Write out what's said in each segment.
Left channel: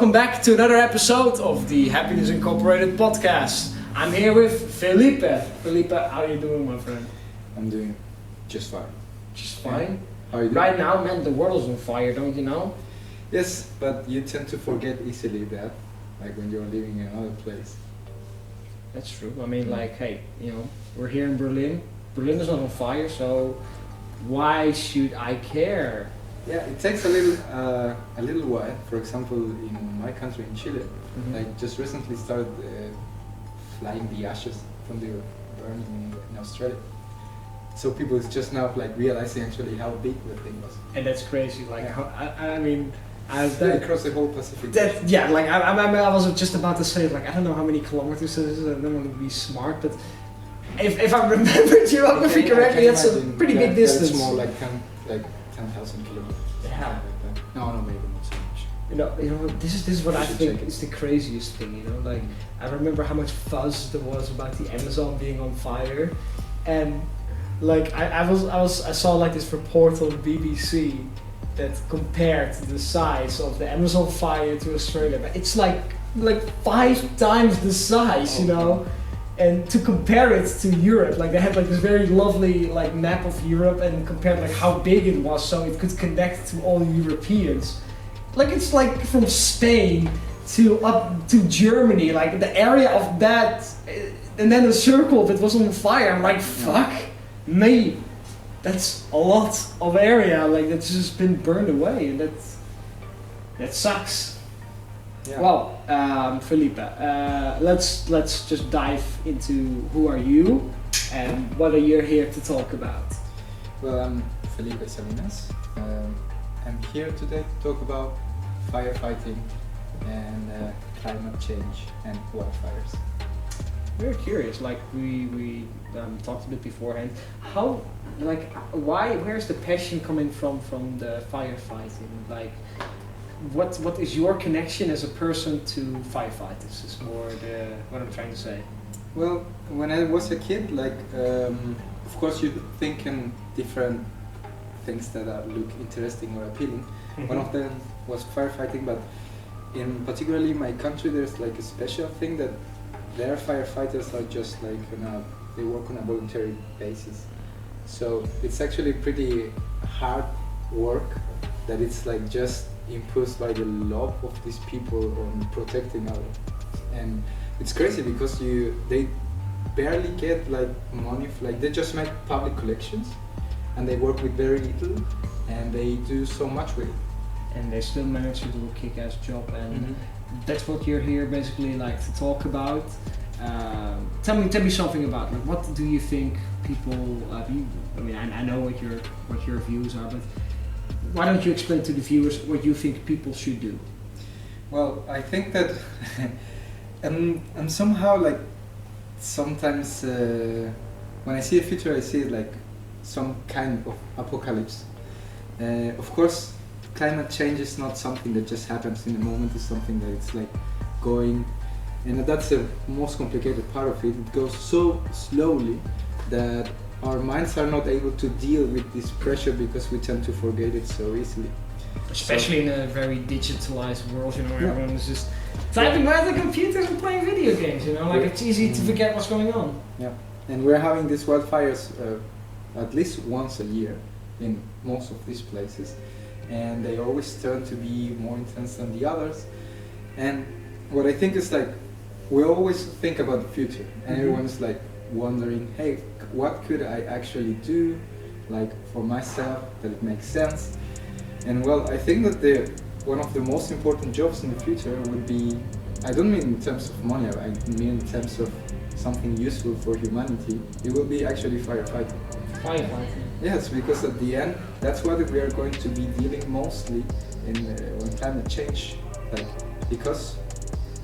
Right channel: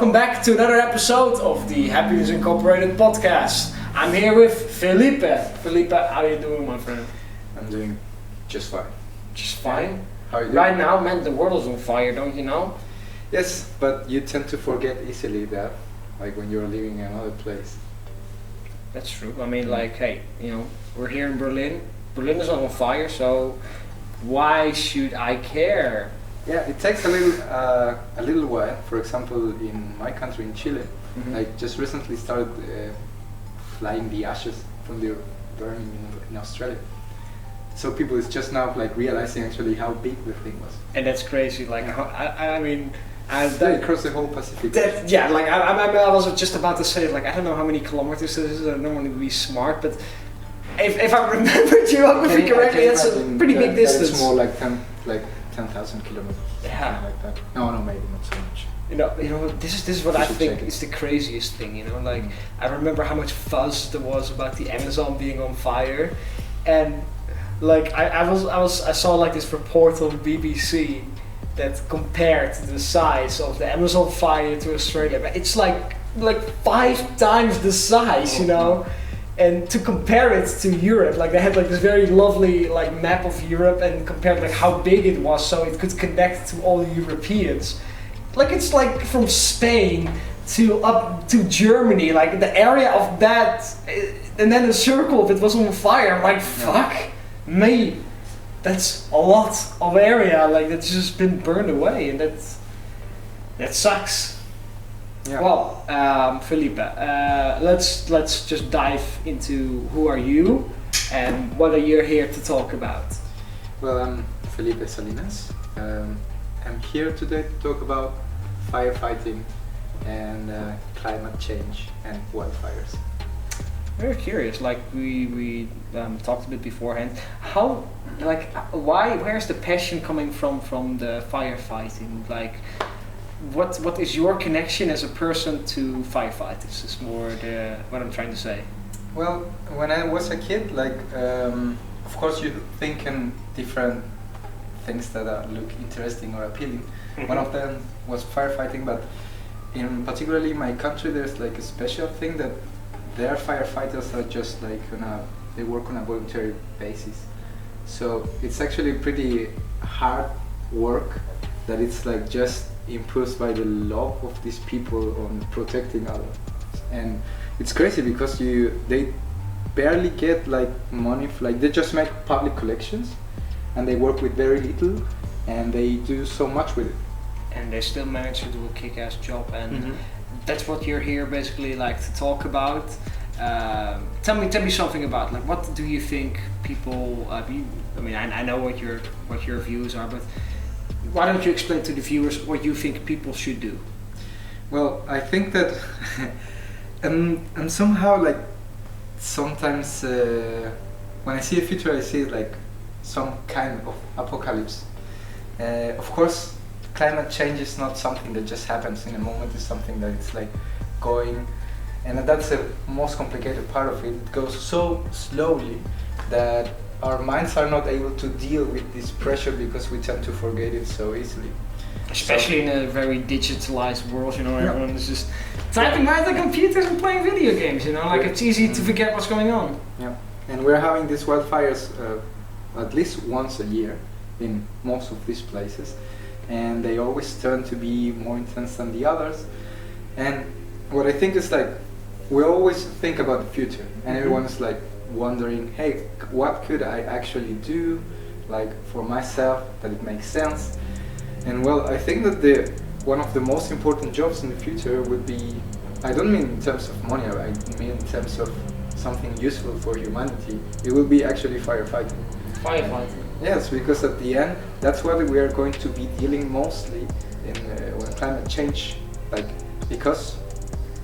welcome back to another episode of the Happiness Incorporated podcast. I'm here with Felipe. Felipe, how are you doing, my friend? I'm doing just fine. Just fine? How are you doing? Right now, man, the world is on fire, don't you know? Yes, but you tend to forget easily that, like when you're living in another place. That's true. I mean, like, hey, you know, we're here in Berlin. Berlin is not on fire, so why should I care? Yeah, it takes a little while. For example, in my country, in Chile, I just recently started flying the ashes from the burning in Australia. So people is just now like realizing actually how big the thing was. And that's crazy. Like, I mean, They across the whole Pacific. I was just about to say, like, I don't know how many kilometers this is. I don't want to be smart, but if I remember geography correctly, it's a pretty big distance. It's more like 10,000 kilometers. Yeah. Like that. No, maybe not so much. You know, this is what I think is the craziest thing. You know, like I remember how much fuzz there was about the Amazon being on fire, and like I saw like this report on BBC that compared the size of the Amazon fire to Australia, but it's like 5 times the size, you know. And to compare it to Europe, like they had like this very lovely like map of Europe and compared like how big it was so it could connect to all the Europeans. Like it's like from Spain to up to Germany, like the area of that, and then a circle of it was on fire. I'm like, fuck me, that's a lot of area like that's just been burned away, and that sucks. Yeah. Well, Felipe, let's just dive into who are you and what are you here to talk about? Well, I'm Felipe Salinas. I'm here today to talk about firefighting and climate change and wildfires. Very curious. Like we talked a bit beforehand. How, like, where's the passion coming from the firefighting? Like, what is your connection as a person to firefighters? Is more what I'm trying to say. Well, when I was a kid, like, of course you think in different things that look interesting or appealing. One of them was firefighting, but in particularly my country, there's like a special thing that their firefighters are just like they work on a voluntary basis. So it's actually pretty hard work that it's like just imposed by the law of these people on protecting others. And it's crazy because they barely get like money, like they just make public collections and they work with very little and they do so much with it. And they still manage to do a kick-ass job, and that's what you're here basically like to talk about. Tell me something about, like, what do you think people? I mean, I know what your views are, but why don't you explain to the viewers what you think people should do? Well, I think that I'm somehow like sometimes when I see a future, I see like some kind of apocalypse. Of course, climate change is not something that just happens in a moment. It's something that it's like going, and that's the most complicated part of it. It goes so slowly that our minds are not able to deal with this pressure because we tend to forget it so easily. Especially in a very digitalized world, you know, everyone is just typing by the computers and playing video games, you know, like it's easy to forget what's going on. Yeah, and we're having these wildfires at least once a year in most of these places, and they always turn to be more intense than the others. And what I think is like, we always think about the future, and everyone's like wondering, hey, what could I actually do, like for myself, that it makes sense. And well, I think that one of the most important jobs in the future would be, I don't mean in terms of money, I mean in terms of something useful for humanity, it will be actually firefighting. Firefighting? Yes, because at the end, that's what we are going to be dealing mostly in when climate change, like, because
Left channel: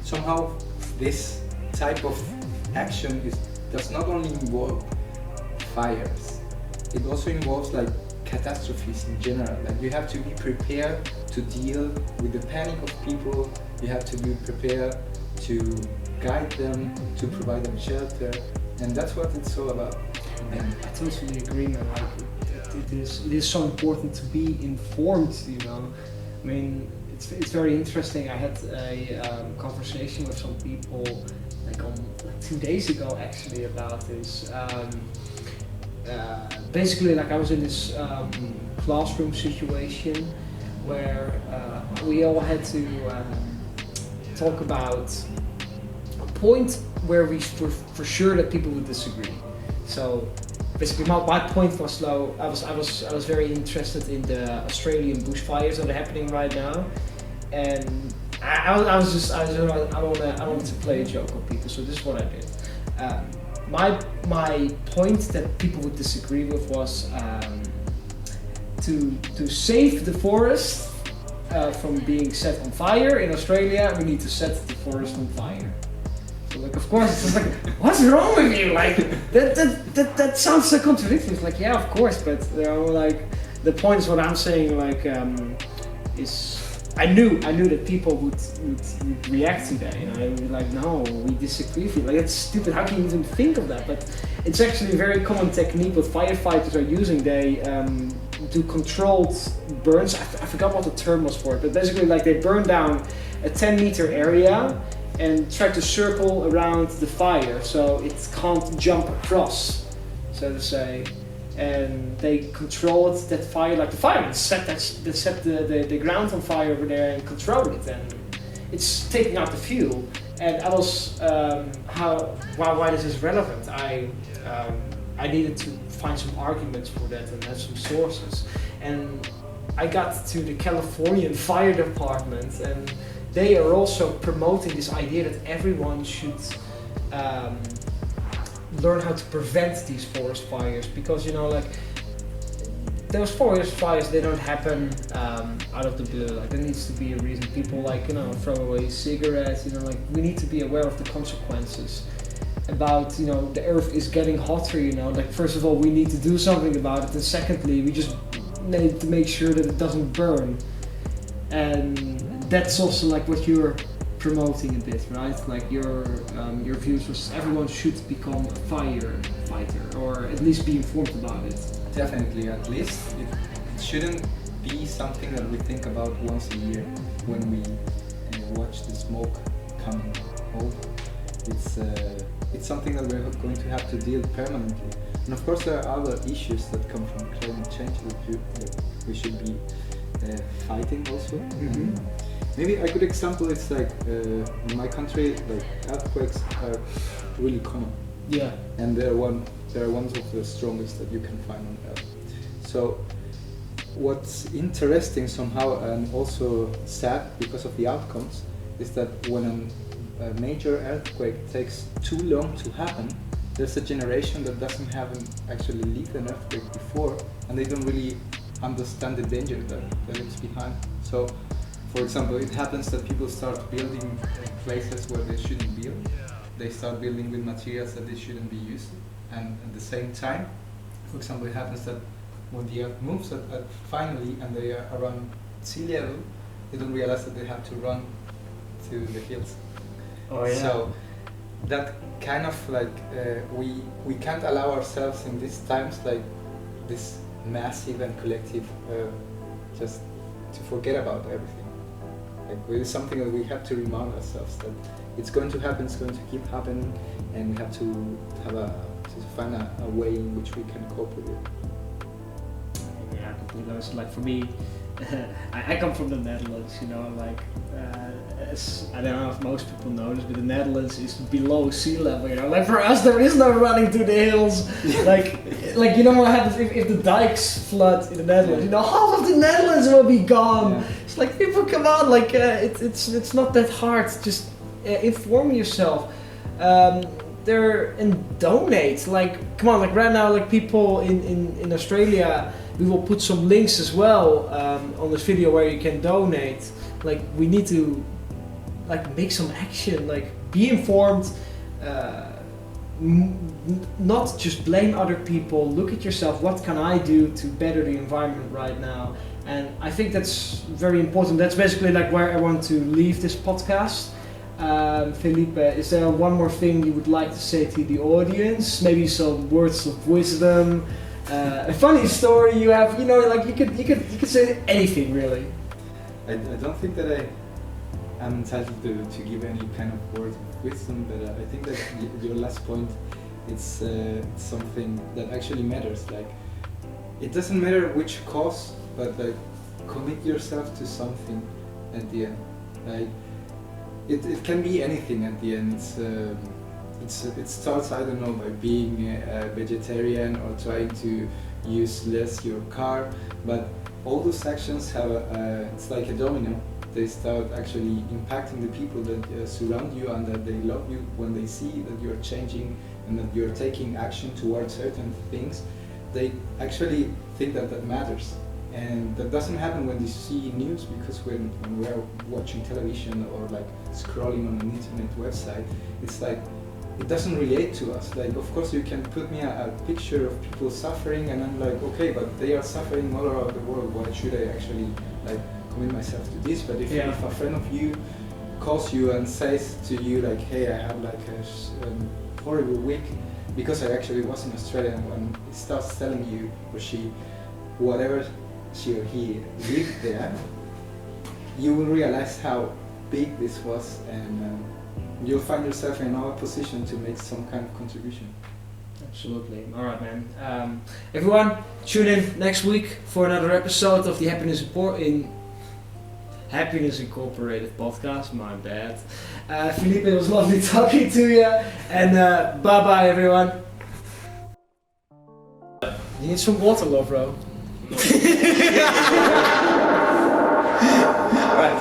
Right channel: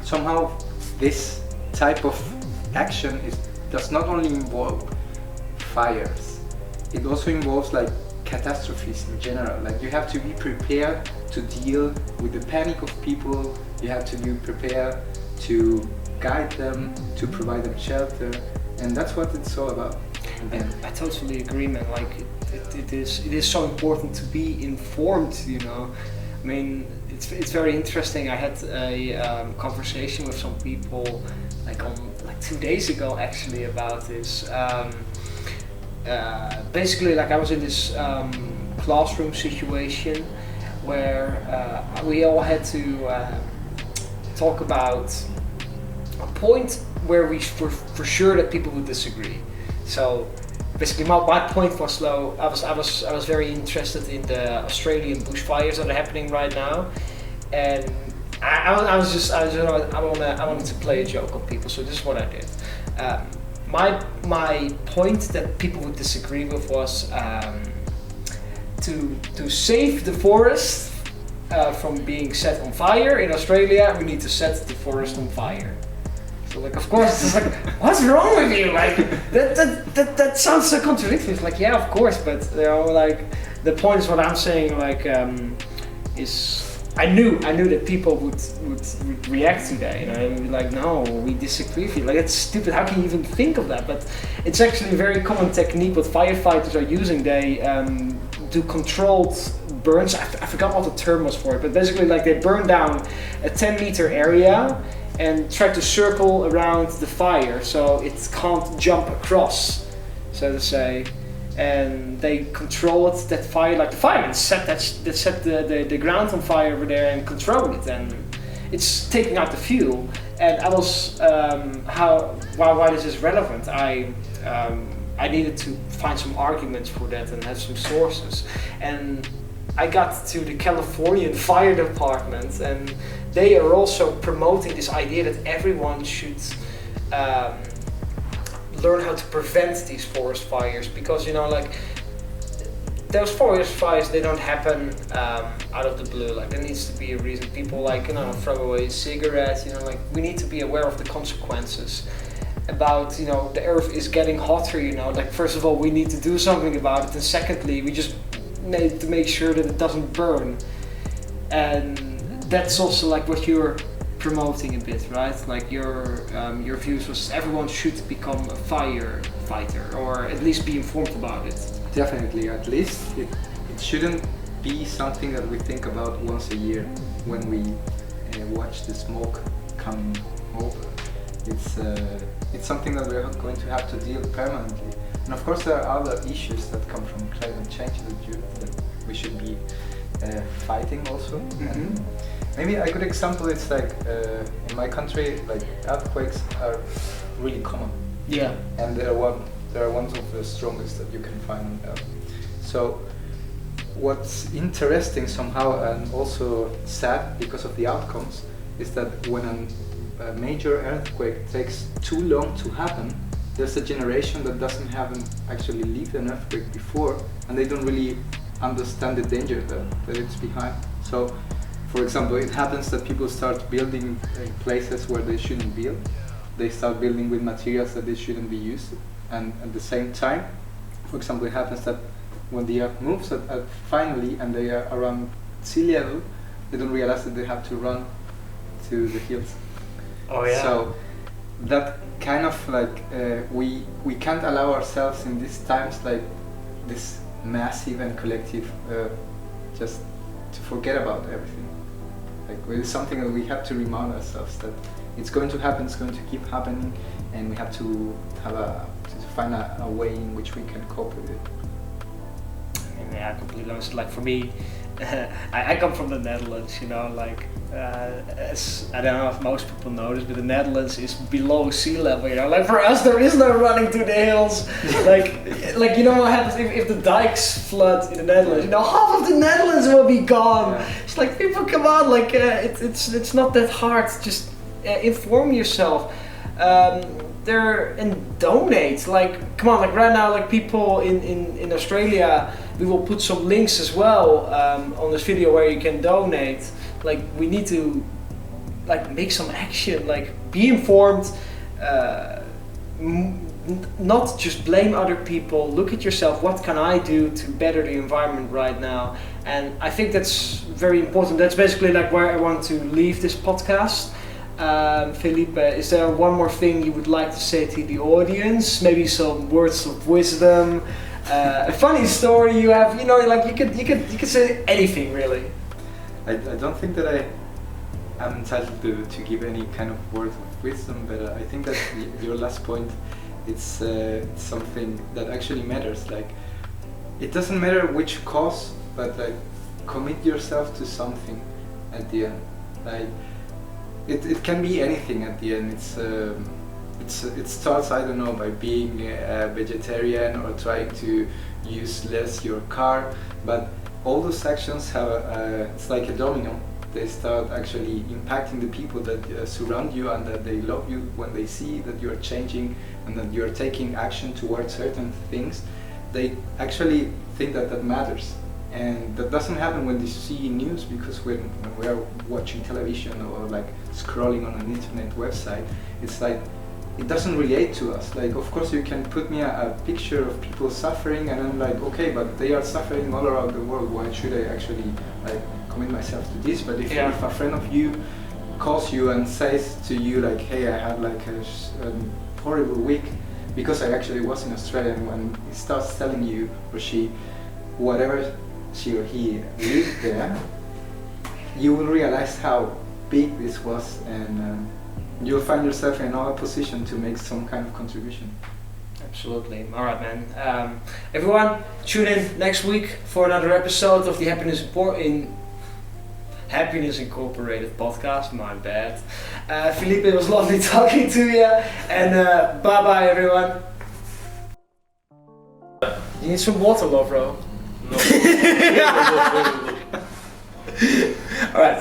somehow this type of action does not only involve fires, it also involves like catastrophes in general. Like you have to be prepared to deal with the panic of people, you have to be prepared to guide them, to provide them shelter, and that's what it's all about. I totally agree, man. Like it is so important to be informed, you know. I mean, it's very interesting. I had a conversation with some people like 2 days ago actually about this. Basically, like I was in this classroom situation where we all had to talk about a point where we were for sure that people would disagree. So basically, my point was though I was very interested in the Australian bushfires that are happening right now, and I wanted to play a joke on people. So this is what I did. My point that people would disagree with was to save the forest from being set on fire in Australia, we need to set the forest on fire. So like, of course, it's like, what's wrong with you? Like that sounds so contradictory. It's like, yeah, of course, but you know, like the point is what I'm saying. Like, is I knew that people would react to that. You know, and be like, no, we disagree with you. Like, it's stupid. How can you even think of that? But it's actually a very common technique what firefighters are using. They do controlled burns. I forgot what the term was for it, but basically, like, they burn down a 10-meter area and try to circle around the fire so it can't jump across, so to say. And they control it, that fire, like the firemen set the ground on fire over there and control it, and it's taking out the fuel. And I was why this is relevant. I needed to find some arguments for that and have some sources, and I got to the Californian Fire Department, and they are also promoting this idea that everyone should learn how to prevent these forest fires, because you know, like, those forest fires, they don't happen out of the blue. Like, there needs to be a reason. People, like, you know, throw away cigarettes. You know, like, we need to be aware of the consequences. About, you know, the earth is getting hotter. You know, like, first of all, we need to do something about it, and secondly, we just need to make sure that it doesn't burn. And that's also like what you're promoting a bit, right? Like your views was everyone should become a firefighter, or at least be informed about it. Definitely, at least it shouldn't be something that we think about once a year when we watch the smoke coming over. It's something that we're going to have to deal permanently. And of course, there are other issues that come from climate change that we should be fighting also. Mm-hmm. Maybe a good example is like in my country, like earthquakes are really common. Yeah. And they're ones of the strongest that you can find on Earth. So what's interesting somehow, and also sad because of the outcomes, is that when a major earthquake takes too long to happen, there's a generation that doesn't actually lived an earthquake before, and they don't really understand the danger that it's behind. So, for example, it happens that people start building in places where they shouldn't build. They start building with materials that they shouldn't be used. And at the same time, for example, it happens that when the earth moves finally and they are around sea level, they don't realize that they have to run to the hills. Oh yeah. So that kind of like we can't allow ourselves in these times like this massive and collective just to forget about everything. Like, it's something that we have to remind ourselves that it's going to happen, it's going to keep happening, and we have to find a way in which we can cope with it. Yeah, I completely understand. Like, for me, I come from the Netherlands, you know, like, I don't know if most people know this, but the Netherlands is below sea level, you know, like, for us there is no running to the hills. like, you know what happens if the dikes flood in the Netherlands, you know, half of the Netherlands will be gone. Yeah. It's like, people, come on, like, it's not that hard, just inform yourself. And donate, like, come on, like, right now, like, people in Australia, we will put some links as well on this video where you can donate. Like, we need to, like, make some action, like, be informed, not just blame other people, look at yourself, what can I do to better the environment right now? And I think that's very important. That's basically like where I want to leave this podcast. Felipe, is there one more thing you would like to say to the audience? Maybe some words of wisdom, a funny story you have, you know, like, you could say anything really. I don't think that I'm entitled to give any kind of word of wisdom, but I think that your last point, it's something that actually matters. Like, it doesn't matter which cause, but like, commit yourself to something at the end. Like, it can be anything at the end. It starts, I don't know, by being a vegetarian or trying to use less your car, but all those actions have it's like a domino. They start actually impacting the people that surround you, and that they love you when they see that you are changing and that you are taking action towards certain things. They actually think that that matters. And that doesn't happen when they see news, because when we are watching television or like scrolling on an internet website, it's like, it doesn't relate to us. Like, of course you can put me a picture of people suffering, and I'm like, okay, but they are suffering all around the world, why should I actually like commit myself to this? But if a friend of you calls you and says to you like, hey, I had like a horrible week, because I actually was in Australia, and when he starts telling you, or she, whatever she or he lived there, you will realize how big this was, and you'll find yourself in another position to make some kind of contribution. Absolutely. All right, man. Everyone, tune in next week for another episode of the Happiness Incorporated podcast. My bad. Felipe, it was lovely talking to you, and bye-bye, everyone. You need some water, love, bro. No. All right.